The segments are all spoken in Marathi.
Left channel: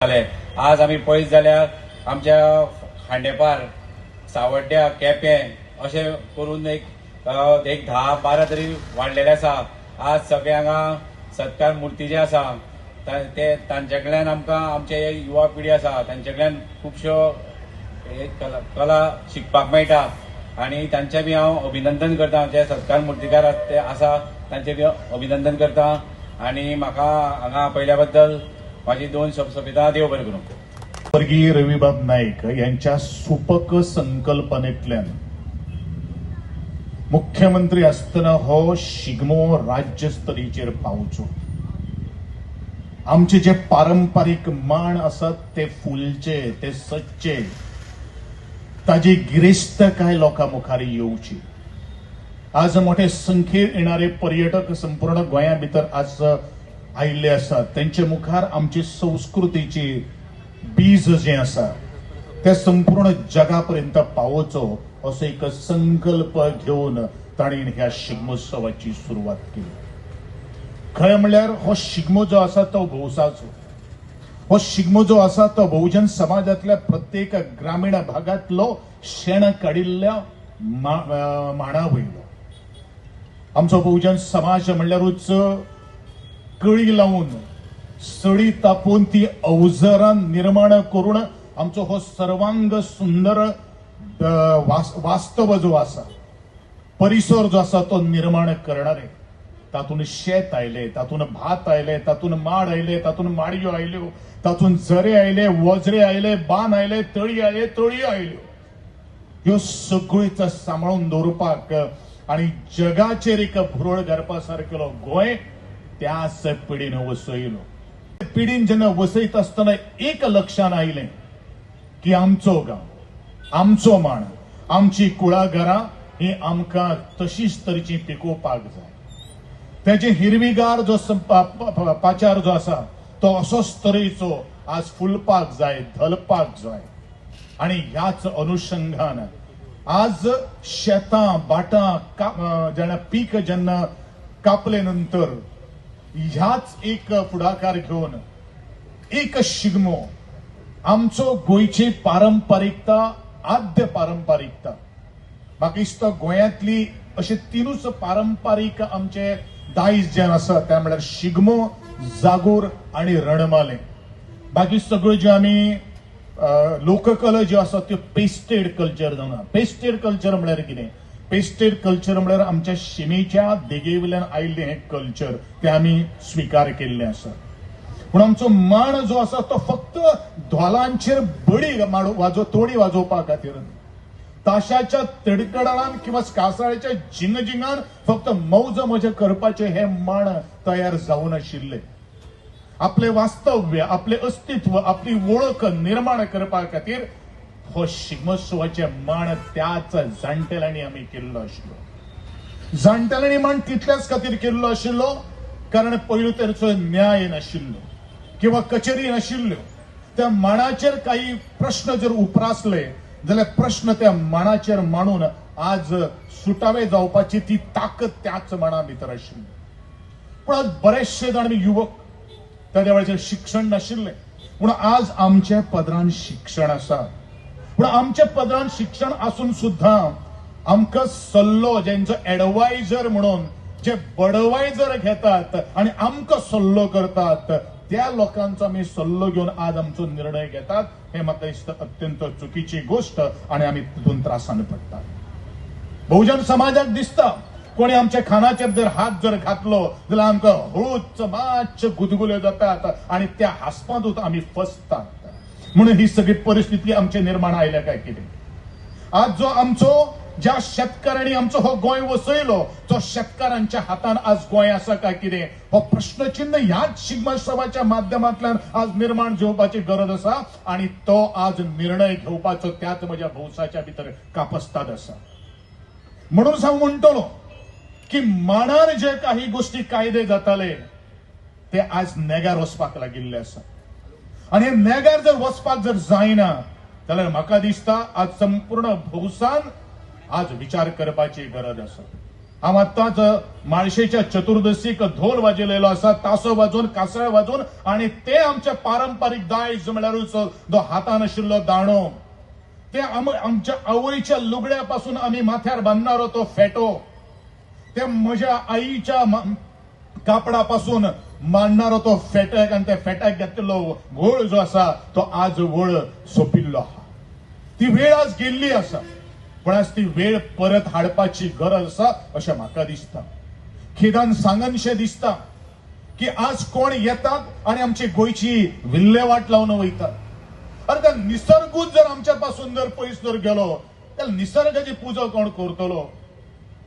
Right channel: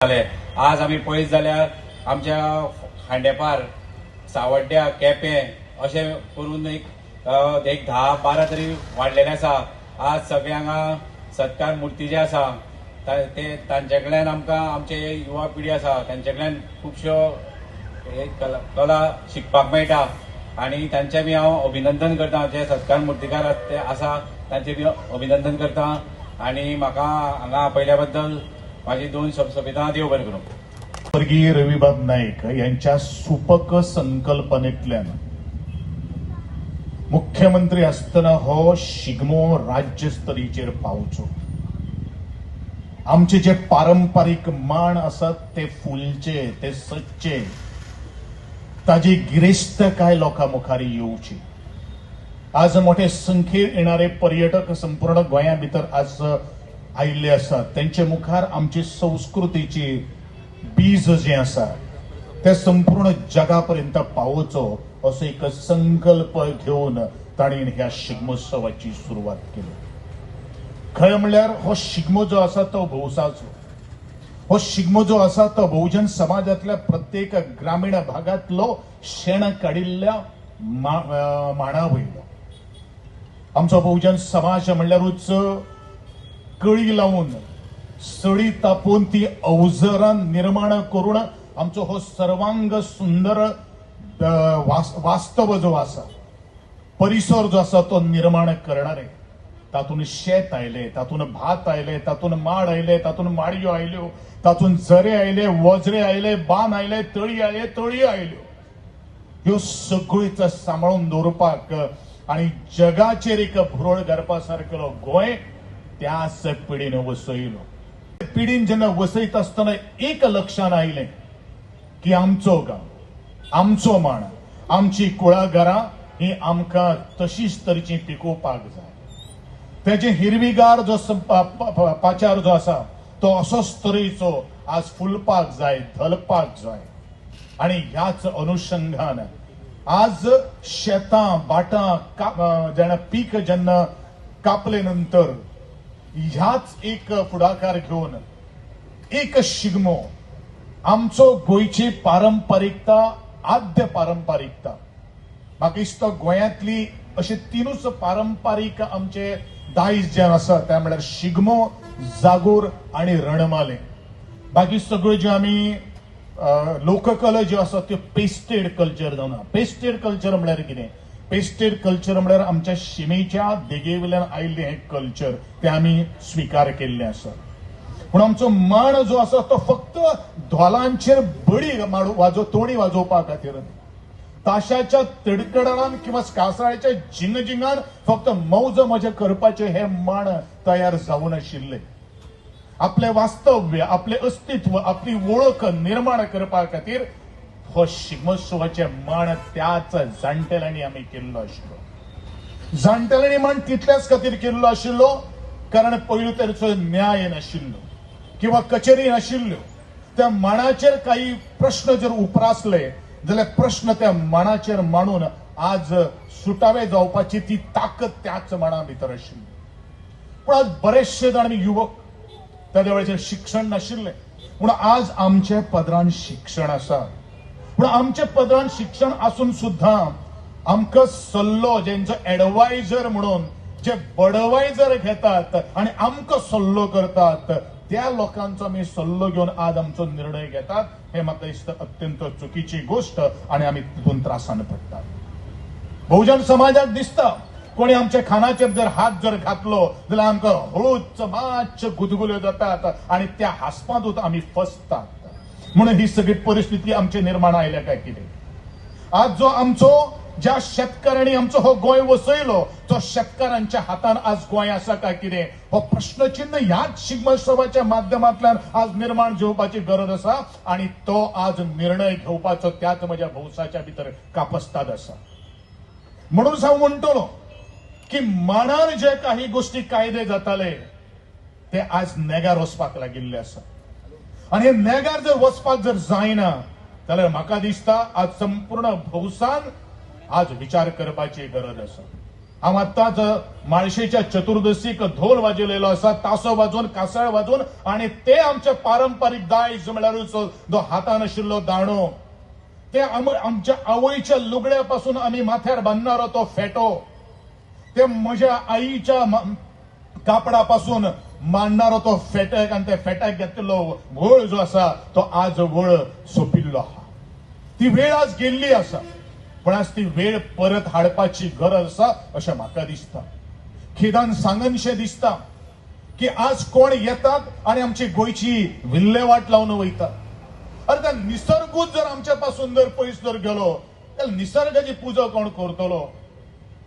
आज आम्ही पळयत जाल्यार आमच्या खांडेपार सावड्ड्या केपें अशें करून एक 10-12 तरी वाडलेले आसा। आज सगळ्यांक सत्कार मुर्ती जे आसा ते तांचे कडल्यान आमकां आमचे युवा पिढी आसा तांचे कडल्यान खुबश्यो कला शिकपाक मेळटा आनी तांचे बी हांव अभिनंदन करता। जे सत्कार मुर्तीकार आसा तांचे बी अभिनंदन करता आनी म्हाका हांगा पयल्या बद्दल माझी 2 सोबिता देव बरें करूं। स्वर्गीय रविबाब नाईक यांच्या सुपक संकल्पनेतल्यान मुख्यमंत्री असताना हो शिगमो राज्यस्तरीचेर पावचो। आमचे जे पारंपरिक माण असत ते फुलचे ते सच्चे ताजी गिरेस्तकाय लोकां मुखार येवची। आज मोठे संख्येन येणारे पर्यटक संपूर्ण गोंया भितर आज आयिल्ले आसात। त्यांचे मुखार आमची संस्कृतीची बीज जे आसा ते संपूर्ण जगापर्यंत पावोवचो असो एक संकल्प घेऊन ताणें ह्या शिगमोत्सवाची सुरवात केली। खरें म्हणल्यार हो शिगमो जो आसा तो भौसाचो, हो शिगमो जो आसा तो बहुजन समाजातल्या प्रत्येक ग्रामीण भागातलो शेण काडिल्ल्या माणा वयलो। आमचो बहुजन समाज म्हणल्यारूच कळी लावून सडी तापोवन ती अवजरां निर्माण करून आमचो हो सर्वांग सुंदर वास्तव जो आसा परिसर जो आसा तो निर्माण करणारे। तातून शेत आयले, तातून भात आयले, तातून माड आयले, तातून माडयो आयल्यो, तातून झरे आयले, वजरे आयले, बान आयले, तळी आयले, तळी आयल्यो। ह्यो सगळीच सांबाळून दवरपाक आणि जगाचेर एक भुरळ घालपा सारकेलो गोंय त्याच पिढीन वसयलो। पिढीन जेन्ना वसयत आसतना एक लक्षात आयलें की आमचो गांव, आमचो माण, आमची कुळागरां ही आमकां तशीच तरेची पिकोवपाक जाय। तेजे हिरवीगार जो पाचार जो आसा तो असोच तरेचो आज फुलपाक जाय, धलपाक जाय। आणि ह्याच अनुषंगान आज शेतां बाटां जेन्ना पीक जेन्ना कापले नंतर ह्याच एक फुडाकार घेऊन एक शिगमो आमचो गोंयची पारंपरिकता आद्य पारंपरिकता म्हाका दिसता गोंयांतली अशे 3च पारंपरिक आमचे दायज जे आसा ते म्हळ्यार शिगमो, जागोर आणि रणमाले। बाकी सगळ्यो ज्यो आमी लोककला ज्यो आसा त्यो पेस्टेड कल्चर जावना। पेस्टेड कल्चर म्हळ्यार कितें? पेस्टेड कल्चर म्हळ्यार आमच्या शिमेच्या देगेवयल्यान आयिल्लें हें कल्चर ते आमी स्वीकार केल्लें आसा। पूण आमचो माण जो आसा तो फक्त धोलांचेर बडी तोणी वाजोवपा खातीर, ताशाच्या तडकडणान किंवा कासाळ्याच्या जिंगजिंगान फक्त मौज मजा करपाचे हे माण तयार जावन आशिल्ले। आपले वास्तव्य, आपले अस्तित्व, आपली वळख निर्माण करपा खातीर हो शिगमोत्सवाचे माण त्याच जाणटेल्यांनी आमी केल्लो आशिल्लो। जाणटेल्यांनी माण तितल्याच खातीर केल्लो आशिल्लो कारण पयलू तरेचो न्याय नाशिल्लो किंवा कचेरी नाशिल्ल्यो। त्या माणाचेर काही प्रश्न जर उपरासले जाल्यार प्रश्न त्या माणाचेर मांडून आज सुटावे जावपाची ती ताकद त्याच माणा भितर आशिल्ली। पूण आज बरेचशे जाण युवक त्या वेळाचेर शिक्षण नाशिल्लें, पूण आज आमचे पदरान शिक्षण आसा। पूण आमचे पदरान शिक्षण आसून सुद्धा आमकां सल्लो जेंचो एडवायझर म्हणून जे बडवायझर घेतात आणि आमकां सल्लो करतात त्या लोकांचो आमी सल्लो घेवन आज आमचो निर्णय घेतात हे म्हाका दिसता अत्यंत चुकीची गोष्ट आणि आमी तितून त्रासान पडटात। बहुजन समाजाक दिसता कोणी आमच्या खानाचेर जर हात जर घातलो जाल्यार आमकां हळूच मातशे गुदगुल्यो जातात आणि त्या हास्पांतूच आमी फसतात। म्हणून ही सगळी परिस्थिती आमचे निर्माण आयल्या काय कितें? आज जो आमचो ज्या शेतकऱ्यांनी आमचो हो गोंय वसयलो तो शेतकऱ्यांच्या हातान आज गोंय आसा काय कितें हो प्रश्नचिन्ह ह्याच शिगमोत्सवाच्या माध्यमांतल्यान आज निर्माण घेवपाची गरज आसा आणि तो आज निर्णय घेवपाचो त्याच म्हज्या भौसाच्या भितर कापस्ताद आसा। म्हणून हांव म्हणटलो की माणार जे काही गोष्टी कायदे जाताले ते आज नेगार वचपाक लागिल्ले आसा आणि हे नेगार जर वचपाक जर जायना जाल्यार म्हाका दिसता आज संपूर्ण भौसान आज विचार करपाची गरज आसा। हांव आतांच माळशेच्या चतुर्दशीक धोल वाजयलेलो आसा, तासो वाजोवन कासाळ वाजोवन, आणि ते आमचे पारंपारीक दायज म्हळ्यारूच जो हातान आशिल्लो दांडो, ते आमच्या आवयच्या लुगड्यापासून आमी माथ्यार बांदणारो तो फेटो, ते म्हज्या आईच्या कापडापासून मांडणारो तो फेटक, आणि त्या फेटाक घेतिल्लो व्हळ जो आसा तो आज व्हळ सोंपिल्लो आहा. ती वेळ आज गेल्ली आसा, पण आज ती वेळ परत हाडपाची गरज आसा अशें म्हाका दिसता. खेदान सांगनशें दिसता की आज कोण येतात आणि आमची गोंयची विल्हेवाट लावन वयतात. अरे त्या निसर्गूच जर आमच्या पासून जर पयस जर गेलो जाल्यार निसर्गाची पुजा कोण करतलो?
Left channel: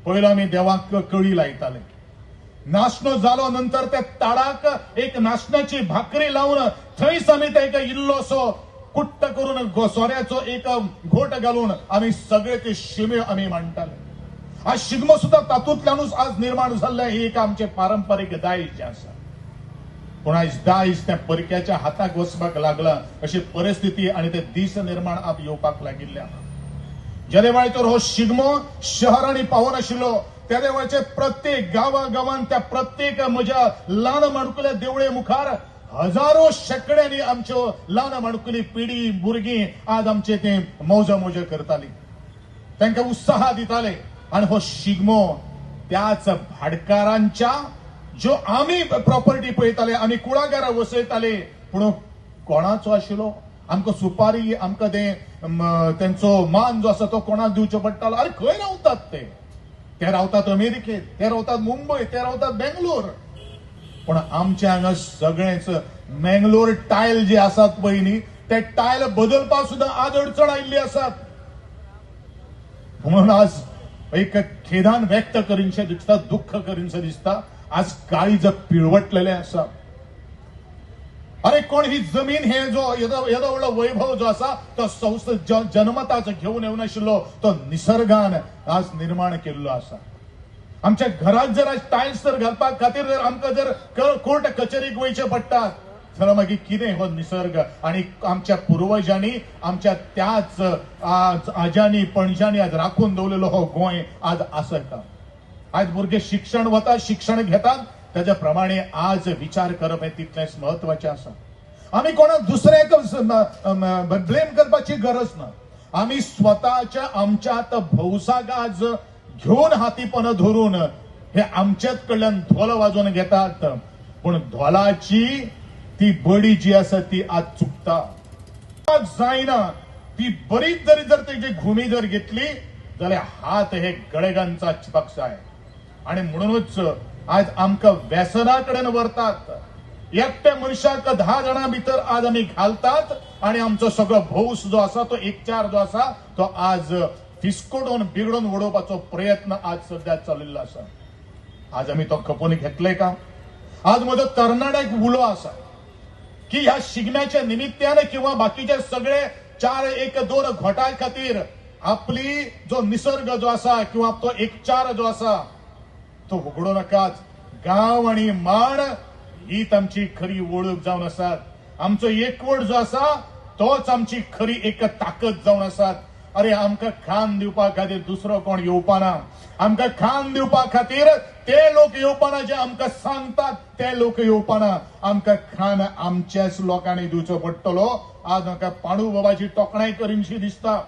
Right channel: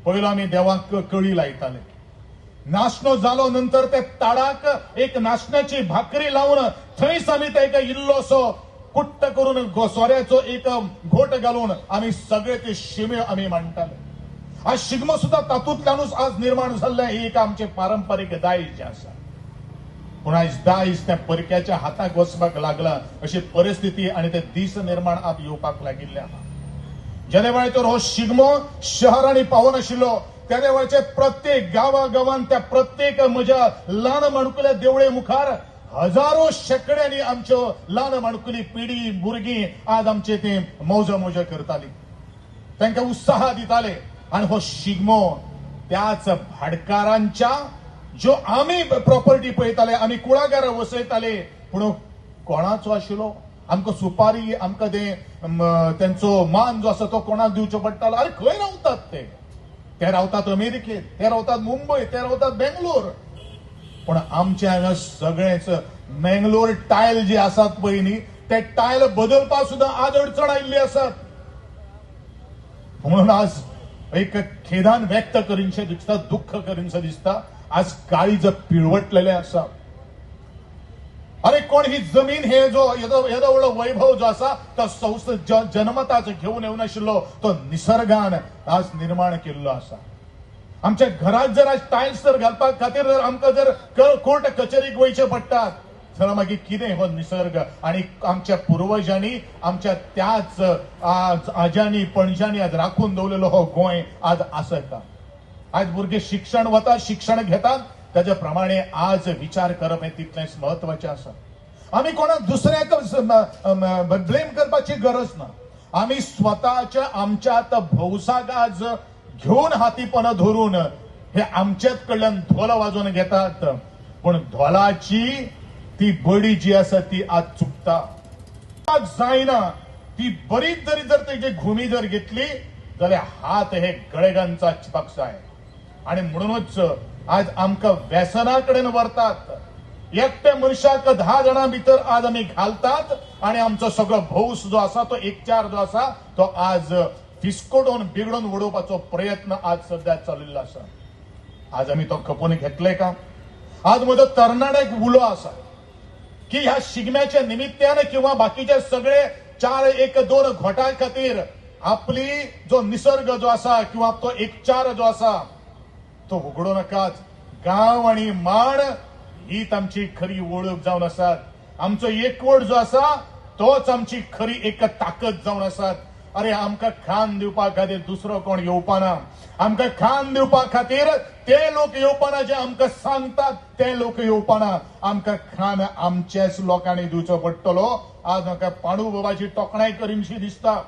पयलो आमी देवाक कळी लायताले, नाशनो जालो नंतर त्या ताडाक एक नाशनाची भाकरी लावन थंयच आमी ताका इल्लोसो कुट्ट करून सोऱ्याचो एक घोट घालून आमी सगळे ते शिमे आमी मांडटाले. आज शिगमो सुद्धा तातूंतल्यानूच आज निर्माण जाल्ले ही एक आमचे पारंपारीक दायज जे आसा. पूण आज दायज त्या परक्याच्या हाताक वचपाक लागला अशी परिस्थिती आणि ते दीस निर्माण आप येवपाक लागिल्ले आहा. ज्या वेळाचेर हो शिगमो शहरांनी पावून आशिल्लो त्या वेळाचेर प्रत्येक गांवागांवांत त्या प्रत्येक म्हज्या ल्हान माणकुल्या देवळे मुखार हजारो शेकड्यांनी आमच्यो ल्हान माणकुली पिढी भुरगीं आज आमचे ते मौज करताली, तांकां उत्साह दिताले. आणि हो शिगमो त्याच भाटकारांच्या ज्यो आमी प्रॉपर्टी पळयताले, आमी कुळागर वसयताले, पूण कोणाचो आशिल्लो? आमकां सुपारी, आमकां तेंचो मान जो आसा तो कोणाक दिवचो पडटालो? अरे खंय रावतात ते रावतात अमेरिकेत, ते रावतात मुंबय, ते रावतात बेंगलोर. पण आमचे हांगा सगळेच मंगलोर टायल जे आसात पळय न्ही, ते टायल बदलपाक सुद्धा आज अडचण आयिल्ली आसात. म्हणून आज एक खेदान व्यक्त करीनशें दिसता, दुःख करीनशें दिसता, आज काळीज पिळवटलेले आसा. अरे कोण ही जमीन हे जो येदो व्हडलो वैभव जो आसा तो जन्मताच घेवन येवन आशिल्लो तो निसर्गान आज निर्माण केल्लो आसा. आमच्या घरात जर आज टायल्स जर घालपाक खातीर जर आमकां जर कोर्ट कचेरीक वयचे पडटात जाल्यार मागीर कितें हो निसर्ग? आणि आमच्या पुर्वजांनी आमच्या त्याच आज्यांनी पणज्यांनी आज राखून दवरलेलो हो गोंय आज आसता. आज भुरगे शिक्षण वतात, शिक्षण घेतात, त्याच्या प्रमाणे आज विचार करप हे तितलेंच महत्वाचें आसा. आमी कोणाक दुसऱ्याक ब्लेम करपाची गरज ना. आमी स्वताच्या आमच्यात भौसाक आज घेऊन हातीपण धरून हे आमच्याच कडल्यान धोल वाजोवन घेतात, पण धोलाची ती बडी जी आसा ती आज चुकता जायना. ती बरीच जर तेजी घुमी जर घेतली जाल्यार हात हे गळेगांचा चिपक जाय. आणि म्हणूनच आज आमकां व्यसना कडेन व्हरतात. एकट्या मनशाक 10 जाणां भितर आज आमी घालतात आणि आमचो सगळो भौस जो आसा तो एकचार जो आसा तो आज फिस्कोडून बिगडून उडोवपाचो प्रयत्न आज सध्या चलिल्लो आसा. आज आमी तो खपून घेतले का? आज म्हजो तरणाट्याक उलो आसा की ह्या शिगम्याच्या निमित्तान किंवा बाकीचे सगळे 4-1-2 घोटां खातीर आपली जो निसर्ग जो आसा किंवा तो एकचार जो आसा तो उगडो नाकात. गांव आणि माण हीच आमची खरी वळख जावन आसात. आमचो एकवट जो आसा तोच आमची खरी एक ताकद जावन आसात. अरे आमकां खान दिवपा खातीर दुसरो कोण येवपाना. आमकां खान दिवपा खातीर ते लोक येवपाना जे आमकां सांगतात ते लोक येवपाना. आमकां खान आमच्याच लोकांनी दिवचो पडटलो. आज म्हाका पांडू बाबाची तोखणाय करीनशी दिसता.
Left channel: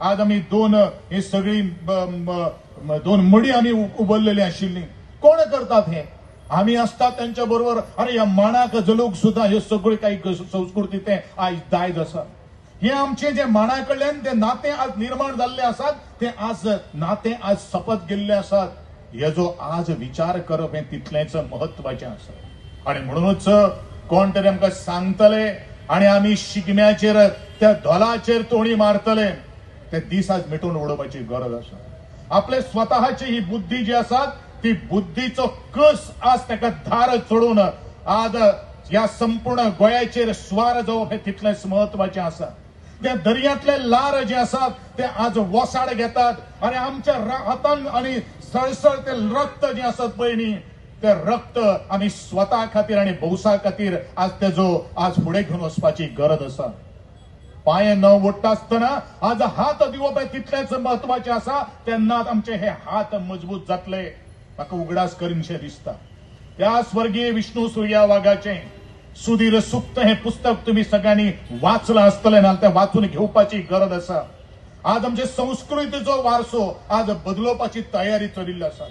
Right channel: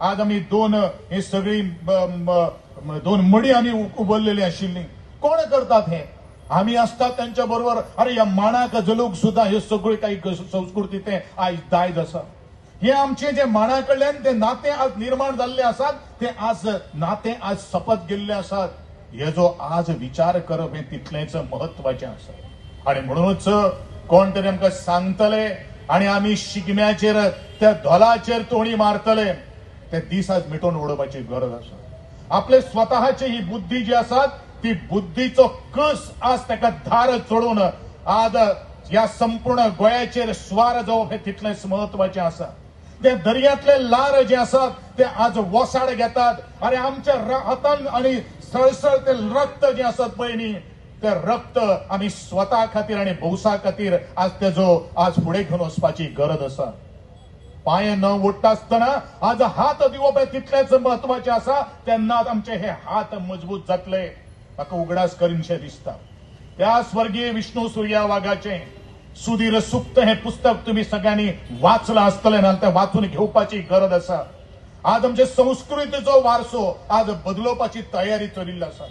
आज आमी ही सगळी 2 मडी आमी उबरलेली आशिल्ली. कोण करतात हे? आमी असतात त्यांच्या बरोबर. अरे ह्या माणाक जलोक सुद्धा हे सगळे काही संस्कृती ते आज दायज आसा. हे आमचे जे माणा कडल्यान ते नाते आज निर्माण जाल्ले आसात ते आज नाते आज सपत गेल्ले आसात. हे जो आज विचार करप हे तितलेच महत्वाचे आसा. आणि म्हणूनच कोण तरी आमकां सांगतले आणि आमी शिगम्याचेर त्या धोलाचेर तोणी मारतले ते दीस आज मिटून उडोवपाची गरज आसा. आपले स्वतःची ही बुद्धी जी आसात ती बुद्धीचो कस आज ताका धार चडून आज या संपूर्ण गोंयाचेर स्वार जावप हे तितलेच महत्वाचे आसा. त्या दर्यांतले लार जे आसात ते आज वसाड घेतात आणि आमच्या हातान आणि सळसळ ते रक्त जे आसात पळय न्ही ते रक्त आमी स्वता खातीर आणि भौसा खातीर आज तेजो आज फुडें घेवन वचपाची गरज आसा. पांय न ओडटा आसतना आज हात दिवप हे तितलेच महत्वाचे आसा. तेन्नाच आमचे हे हात मजबूत जातले. म्हाका उगडास करीनशें दिसता. त्या स्वर्गीय विष्णू सुर्या वाघाचें सुधीर सुप्त हे पुस्तक तुम्ही सगळ्यांनी वाचलं आसतलें, नाल्यार तें वाचून घेवपाची गरज आसा. आज आमचे संस्कृतीचो वारसो आज बदलोवपाची तयारी चलिल्ली आसा.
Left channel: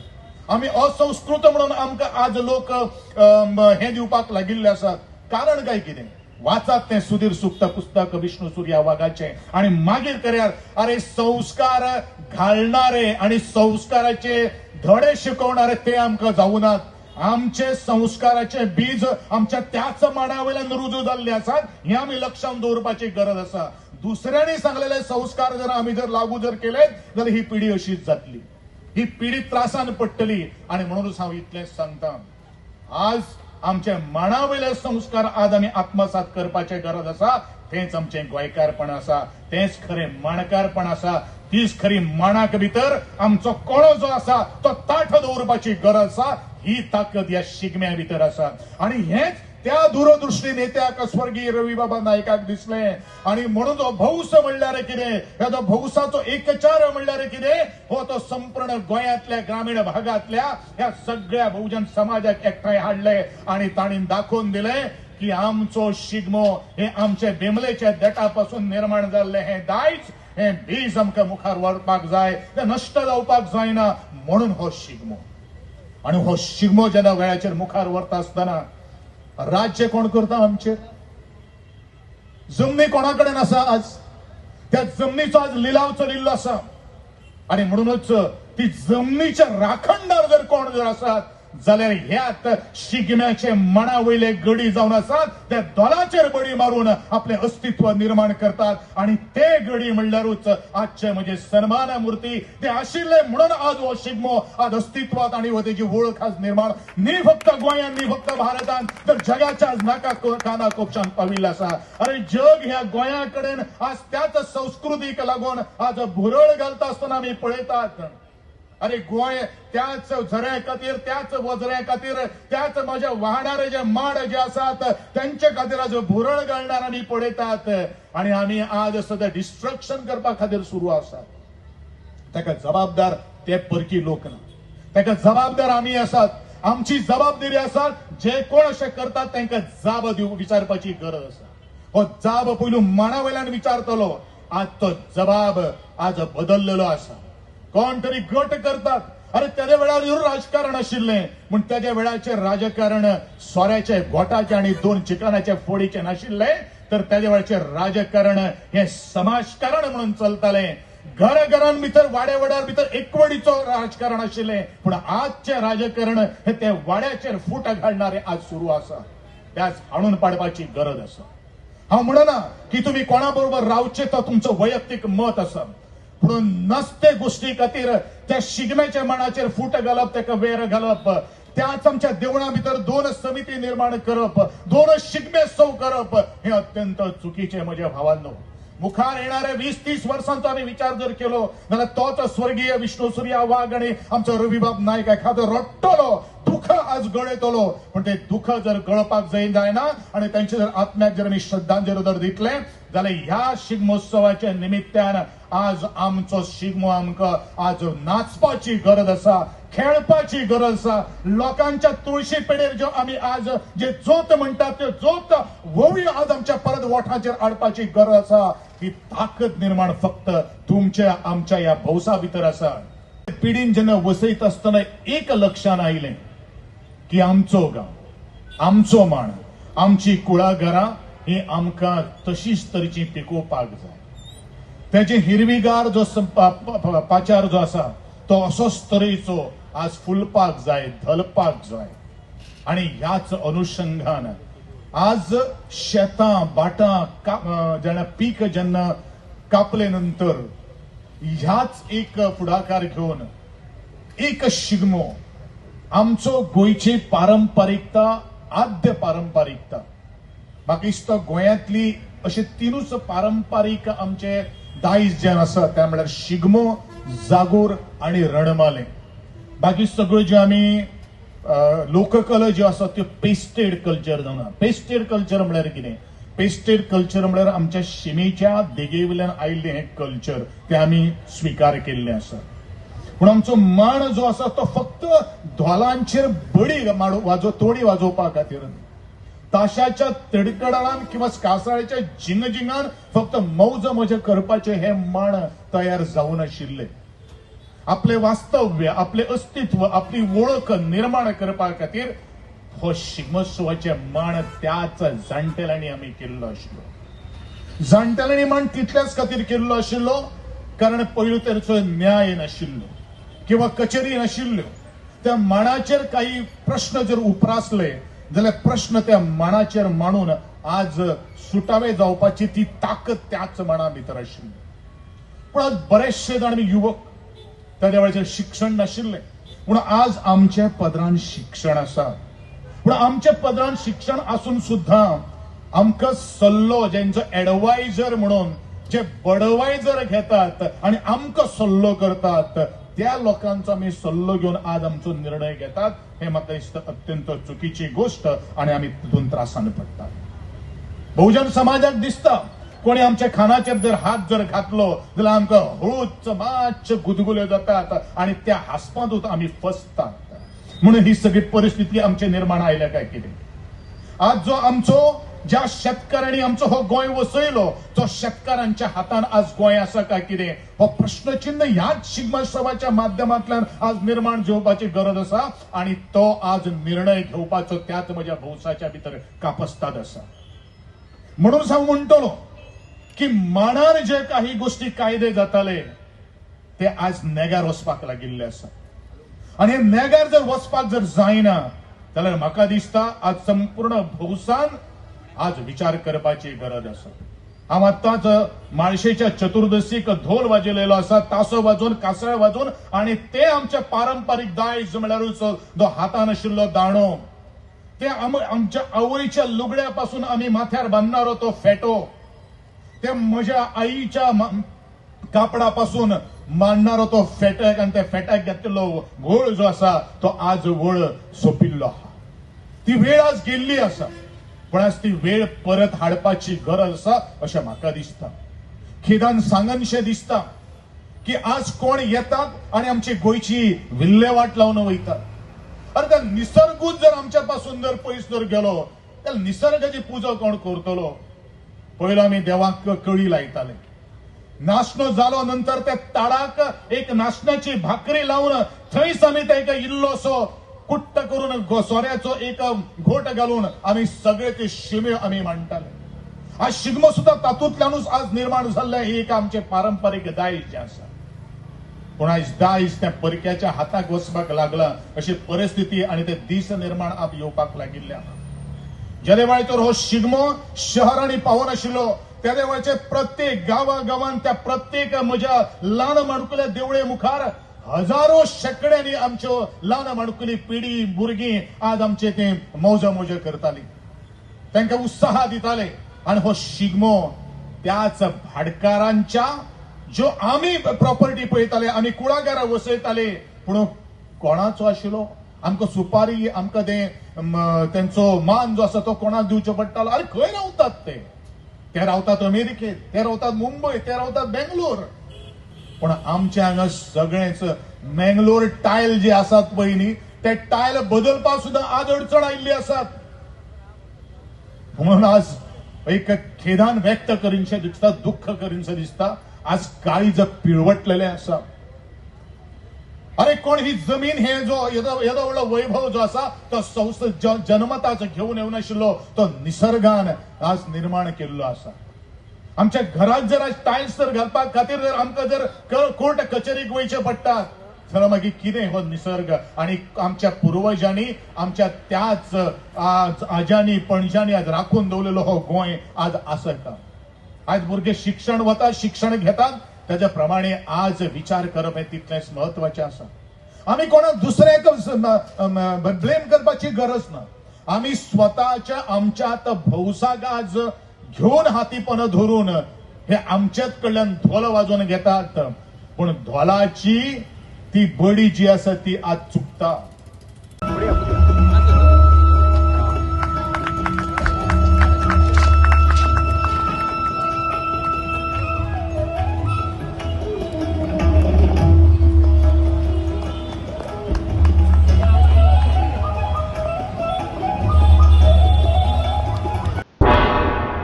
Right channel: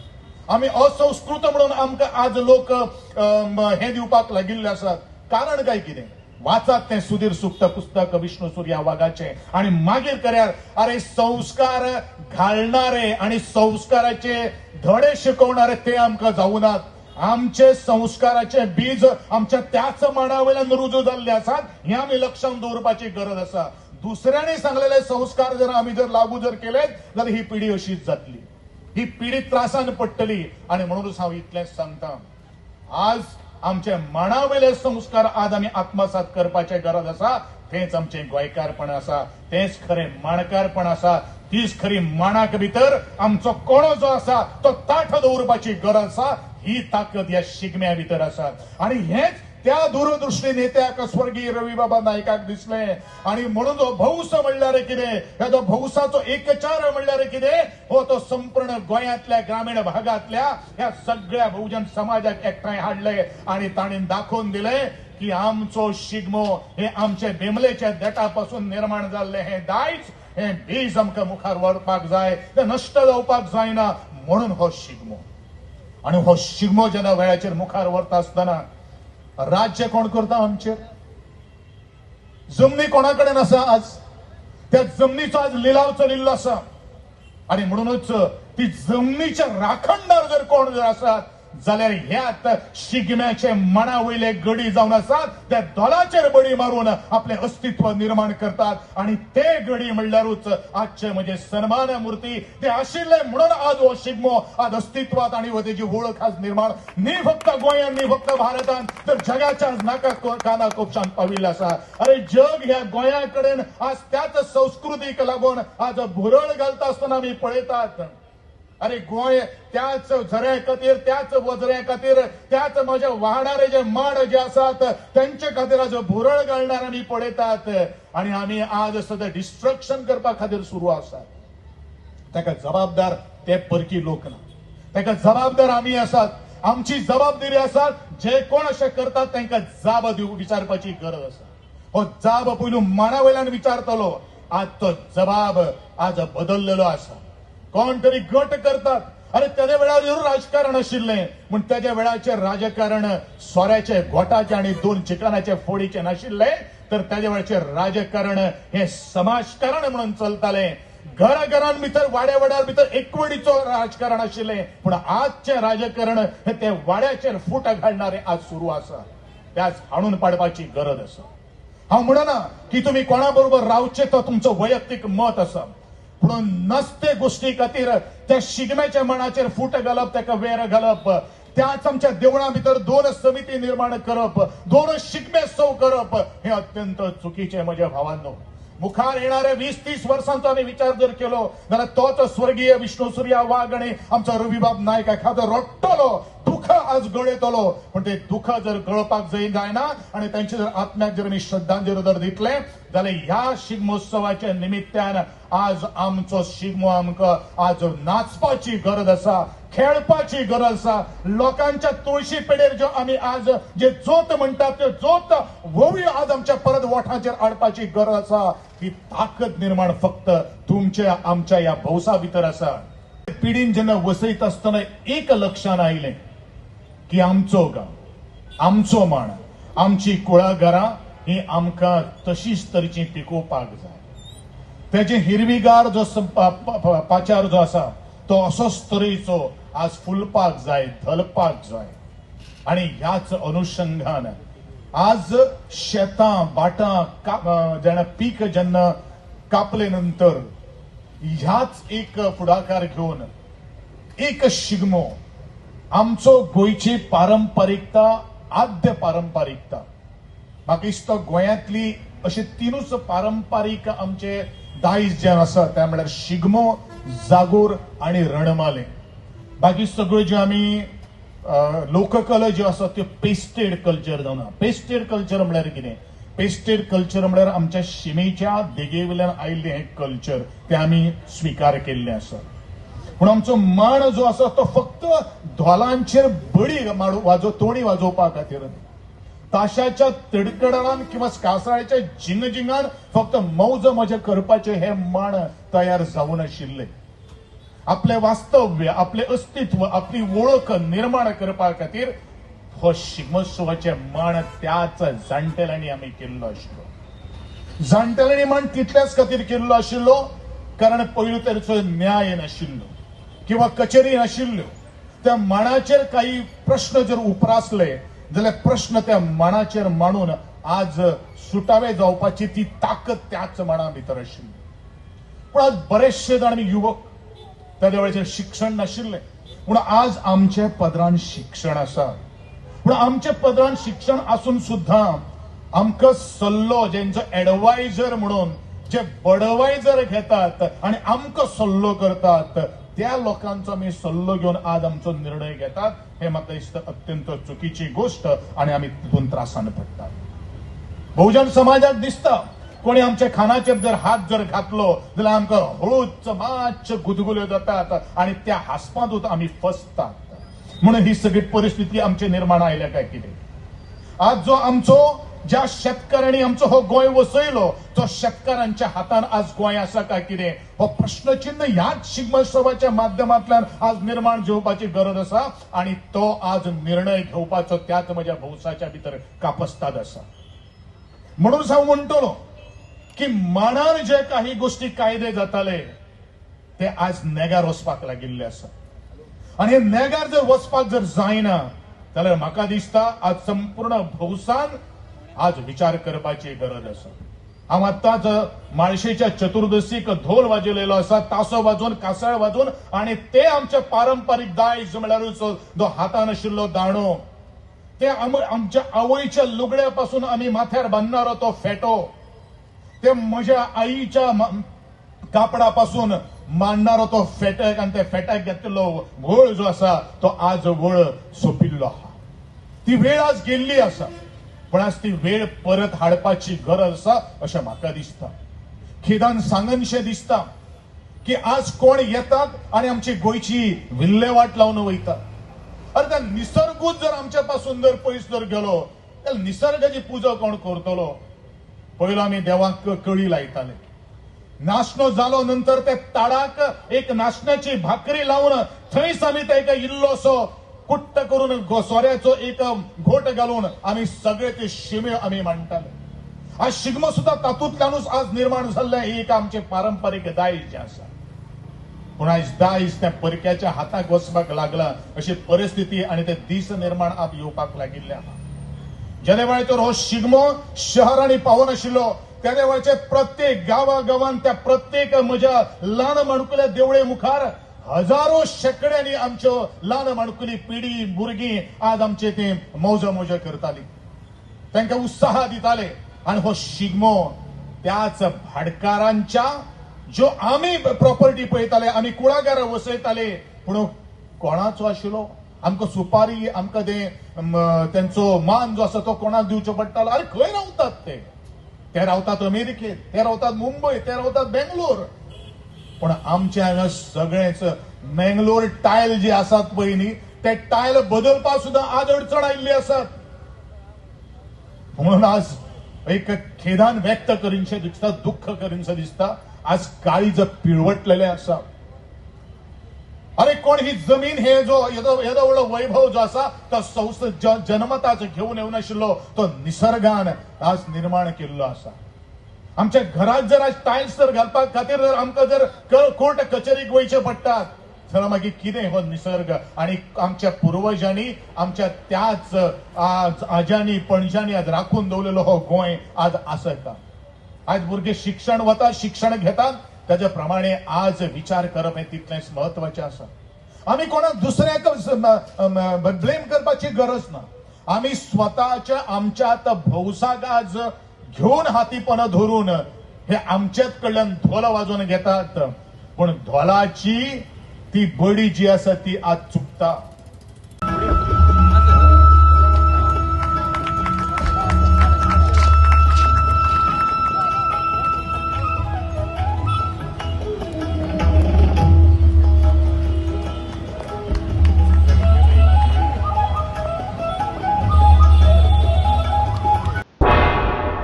आमी असंस्कृत म्हणून आमकां आज लोक हे दिवपाक लागिल्ले आसात. कारण काय कितें? वाचात तें सुधीर सुप्त पुस्तक विष्णू सुर्या वाघाचें आणि मागीर करार अरे संस्कार घालणारे आणि संस्काराचे धडे शिकवणारे ते आमकां जावनात. आमचे संस्काराचे बीज आमच्या त्याच मांडावेल्यान रुजू जाल्ले आसात हे आमी लक्षांत दवरपाची गरज आसा. दुसऱ्यांनी सांगलेले संस्कार जर आमी जर लागू जर केले जाल्यार ही पिढी अशीच जातली, ही पिढी त्रासान पडटली. आणि म्हणूनच हांव इतलेंच सांगता, आज आमचे मांडावेले संस्कार आज आमी आत्मसात करपाचे गरज आसा. तेच आमचे गोंयकारपण आसा, तेच खरें माणकारपण आसा, तीच खरी माणाक भितर आमचो कोणो जो आसा तो ताठ दवरपाची गरज आसा. ही ताकद या शिगम्या भितर आसा. आणि हेच त्या दूरदृष्टी नेत्याक स्वर्गीय रवी बाबा नायकाक दिसले. आणि म्हणून तो भौस म्हणल्यार कितें, ह्या तो भौसाचो एकचार म्हणल्यार कितें, हो तो संपूर्ण गोंयांतल्या ग्रामीण भागातल्या ह्या सगळ्या बहुजन समाजाक एकठांय हाडले आणि ताणीन दाखोवन दिले की आमचो शिगमो हे आमचे बेमलेच्या देठापासून निर्माण जाल्ले हे दायज, हे बीज आमकां मुखार व्हरपाक जाय, ते नश्ट जावपाक जायना. म्हणून हो शिगमो. आणि हो शिगमो जेन्ना वेळाचेर मुखार व्हरता आसतना राज्य कोण करता आमचेर? जमनी कोणा कडेन आसा? आज त्या जमनीचो आज लिलाव चलिल्लो आसा. आणि म्हणूनच ती जमनीचे राखणदार जर कोण जर आसात जाल्यार ह्यात शिगम्याचे मना वयले गडी जावन आसात, त्या दोलाचेर बडी मारून आपले अस्तित्व निर्माण करतात. आणि ते गडी म्हणल्यारूच आजचे म्हणजे सन्मान मूर्ती ते आशिल्ले म्हणून आज हो शिगमो आज अस्तित्वात आणि हो तेजी वळख आज निर्माण न्ही फक्त गोंयांत न्ही फक्त भारतांत तर जगाच्या आज नाका काना कोपशांत पाविल्लो आसा. अरे जग ह्या गोंया कडेन आज त्याच संस्कृतीक लागून आज भुरळ घालता आसतना आमी पळयतात. अरे गोंय त्याच झऱ्या खातीर, त्याच वजऱ्या खातीर, त्याच माझ्या वाहणारे जे माड जे आसात त्यांचे खातीर आज भुरळ घालणार आमी पळयतात. आणि आमी आज सध्या डिस्ट्रक्शन करपा खातीर सुरू आसात. ताका जबाबदार ते परकी लोक ना, ताका जबाबदार आमी आसात. आमची जबाबदारी आसा जे कोण अशें करतात तांकां जाब विचारपाची गरज आसा. हो जाब पयलू माना वयल्यान विचारतलो. आज तो जबाब आज बदललेलो आसा. कोण तरी गट करतात. अरे त्याच्या वेळार राजकारण आशिल्लें पूण त्याच्या वेळाचेर राजकारण सोऱ्याचे गोटाचे आणि 2 चिकनाचे फोडीचे नाशिल्ले, तर त्याच्या वेळाचेर राजकारण हे समाजकारण म्हणून चलताले. घराघरां भितर वाड्या वाड्यार भितर एकवडीचो राजकारण आशिल्लें पूण आजचे राजकारण हे ते वाड्याचेर फूट घालणारे आज सुरू आसा. त्याच हाणून पाडपाची गरज आसा. हांव म्हणना की तुम्ही कोणा बरोबर रावचे तो तुमचो वैयक्तीक मत आसा, पूण नसते गोष्टी खातीर त्या शिगम्याच्या मनाचेर फूट घालप, ताका वेर घालप, त्याच आमच्या देवळां भितर 2 समिती निर्माण करप, 2 शिगमेत्सव करप हे अत्यंत चुकीचे म्हजे भावांनो. मुखार येणारे 20-30 वर्सांचो आमी विचार जर केलो जाल्यार तोच स्वर्गीय विष्णू सुर्या वाघ आणि आमचो रविबाब नायक एखादो रडटलो, दुःख आज गळयतलो. पण ते दुःख जर गळपाक जायना आणि त्यांच्या जर आत्म्याक जर आमी श्रद्धांजली जर दितले जाल्यार ह्या शिगमोत्सवाच्या निमित्तान आज आमचो शिगमो आमकां आज नाचपाची गरज आसा, खेळपाची गरज आसा. लोकांच्या तुळशी पेडेर जो आमी आज जे जोत म्हणटात ते जोत वळी आज आमच्या परत ओठांचेर हाडपाची गरज आसा. ही ताकद निर्माण फक्त तुमच्या आमच्या या भौसा भितर आसा. पिढीन जेन्ना वसयत आसतना एक लक्षात आयलें की आमचो गांव, आमचो मांड, आमची कुळागरां ही आमकां तशीच तरेची पिकोवपाक जाय. तेजे हिरवीगार जो पाचार जो आसा तो असोच तरेचो आज फुलपाक जाय, धलपाक जाय. आणि ह्याच अनुषंगान आज शेतां बाटां जेन्ना पीक जेन्ना कापले नंतर ह्याच एक फुडाकार घेवन एक शिगमो आमचो गोंयची पारंपारिकता, आद्य पारंपारिकता, म्हाका दिसता गोंयांतली अशे 3च पारंपारीक आमचे दायज जे आसा ते म्हळ्यार शिगमो, जागोर आणि रणमाले. बाकी सगळ्यो ज्यो आमी लोककला ज्यो आसा त्यो पेस्टेड कल्चर जावन. पेस्टेड कल्चर म्हळ्यार कितें? पेस्टेड कल्चर म्हळ्यार आमच्या शिमेच्या देगे वयल्यान आयिल्लें हें कल्चर ते आमी स्विकार केल्लें आसा. पूण आमचो मांड जो आसा तो फक्त धोलांचेर बडी तोणी वाजोवपा खातीर ताशाच्या तडकडणान किंवा कासाळ्याच्या जिंगजिंगान फक्त मौज मजे करपाचे हे मांड तयार जावन आशिल्ले. आपले वास्तव्य, आपले अस्तित्व, आपली वळख निर्माण करपा खातीर हो शिगमोत्सवाचे मांड त्याच जाणटेल्यांनी आमी केल्लो आशिल्लो. जाणटेल्यांनी मांड तितल्याच खातीर केल्लो आशिल्लो कारण पयलो तरेचो न्याय नाशिल्लो किंवा कचेरी नाशिल्ल्यो. त्या मांडाचेर काही प्रश्न जर उप्रासले जाल्यार प्रश्न त्या मांडाचेर मांडून आज सुटावे जावपाची ती ताकद त्याच मांडा भितर आशिल्ली. पूण आज बरेचशे जाण आमी युवक त्या वेळाचेर शिक्षण नाशिल्ले पूण आज आमचे पदरान शिक्षण आसा. पूण आमचे पदरान शिक्षण आसून सुद्धा आमकां सल्लो जेंचो एडवायझर म्हणून जे बडवायझर घेतात आनी आमकां सल्लो करतात त्या लोकांचो आमी सल्लो घेवन आज आमचो निर्णय घेतात हे म्हाका दिसता अत्यंत चुकीची गोष्ट आनी आमी तितून त्रासान पडटात. बहुजन समाजाक दिसता कोणी आमच्या खानाचेर जर हात जर घातलो जाल्यार आमकां हळूच मातशे गुदगुल्यो जातात आनी त्या हांसपांतूच आमी फसतात. म्हणून ही सगळी परिस्थिती आमचे निर्माण आयल्या काय कितें. आज जो आमचो ज्या शेतकारांनी आमचो हो गोंय वसयलो तो शेतकारांच्या हातान आज गोंय आसा काय कितें हो प्रश्नचिन्ह ह्याच शिगमोत्सवाच्या माध्यमांतल्यान आज निर्माण घेवपाची गरज आसा आनी तो आज निर्णय घेवपाचो त्याच म्हज्या भौसाच्या भितर कापस्ताद आसा. म्हणून हांव म्हणटलो की मांडार जे काही गोष्टी कायदे जाताले ते आज नेगार वचपाक लागिल्ले आसा आनी हे नेगार जर वचपाक जर जायना जाल्यार म्हाका दिसता आज संपूर्ण भौसान आज विचार करपाची गरज आसा. हांव आतांच माळशेच्या चतुर्दशीक धोल वाजयलेलो आसा, तासो वाजोवन कासाळ वाजोवन आनी ते आमचे पारंपारीक दायज म्हळ्यारूच जो हातान आशिल्लो दांडो ते आमच्या आवयच्या लुगड्यापासून आमी माथ्यार बांदनारो तो फेटो ते म्हज्या आईच्या कापडापासून मांडणारो तो फेटक आनी त्या फेटाक घेतिल्लो वळ जो आसा तो आज वळ सोंपिल्लो आहा. ती वेळ आज गेल्ली आसा पण आज ती वेळ परत हाडपाची गरज आसा अशें म्हाका दिसता. खेदान सांगनशें दिसता की आज कोण येतात आनी आमची गोंयची विल्हेवाट लावन वयतात. अरे त्या निसर्गूच जर आमच्या पासून जर पयस जर गेलो जाल्यार निसर्गाची पुजा कोण करतलो. पयलो आमी देवाक कळी लायताले, नाशनो जालो नंतर त्या ताडाक एक नाशण्याची भाकरी लावन थंयच आमी ताका इल्लोसो कुट्ट करून सोऱ्याचो एक घोट घालून आमी सगळे ते शिमे आमी मांडटाले. आज शिगमो सुद्धा तातूंतल्यानूच आज निर्माण जाल्ले ही एक आमचे पारंपारीक दायज जे आसा. पूण आज दायज त्या परक्याच्या हाताक वचपाक लागला अशी परिस्थिती आनी ते दीस निर्माण आप येवपाक लागिल्ले आहा. ज्या वेळाचेर हो शिगमो शहरांनी पावून आशिल्लो त्या वेळाचेर प्रत्येक गांवागांवांत त्या प्रत्येक म्हज्या ल्हान माणकुल्या देवळे मुखार हजारो शेकड्यांनी आमच्यो ल्हान माणकुली पिढी भुरगीं आज आमचे ते मौज मोजे करताली, तांकां उत्साह दिताले. आनी हो शिगमो त्याच भाटकारांच्या ज्यो आमी प्रॉपर्टी पळयताले आमी कुळागरां वसयताले पूण कोणाचो आशिल्लो आमकां सुपारी आमकां तेंचो मान जो आसा तो कोणाक दिवचो पडटालो. अरे खंय रावतात ते रावतात अमेरिकेत, ते रावतात मुंबय, ते रावतात बेंगलोर. पण आमचे हांगा सगळेच मेंगलोर टायल जे आसात पळय न्ही ते टायल बदलपाक सुद्धा आज अडचण आयिल्ली आसात. म्हणून आज एक खेदान व्यक्त करीनशें दिसता, दुःख करीनशें दिसता आज काळीज पिळवटलेले आसा. अरे कोण ही जमीन हे जो येदो व्हडलो वैभव जो आसा तो जन्मताच घेवन येवन आशिल्लो तो निसर्गान आज निर्माण केल्लो आसा. आमच्या घरात जर आज टायल्स जर घालपाक खातीर जर आमकां जर कोर्ट कचेरीक वयचे पडटात जाल्यार मागीर कितें हो निसर्ग आनी आमच्या पुर्वजांनी आमच्या त्याच आज्यांनी पणज्यांनी आज राखून दवरलेलो हो गोंय आज आसा का. आज भुरगे शिक्षण वतात, शिक्षण घेतात त्याच्या प्रमाणे आज विचार करप हे तितलेंच महत्वाचें आसा. आमी कोणाक दुसऱ्याक ब्लेम करपाची गरज ना. आमी स्वताच्या आमच्यात भौसाक आज घेऊन हातीपण धरून हे आमच्याच कडल्यान धोल वाजोवन घेतात पण धोलाची ती बडी जी आसा ती आज चुकता.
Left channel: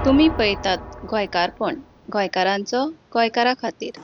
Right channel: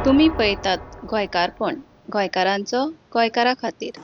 तुम्ही पळयतात गोंयकारपण गोंयकारांचो गोंयकारा खातीर.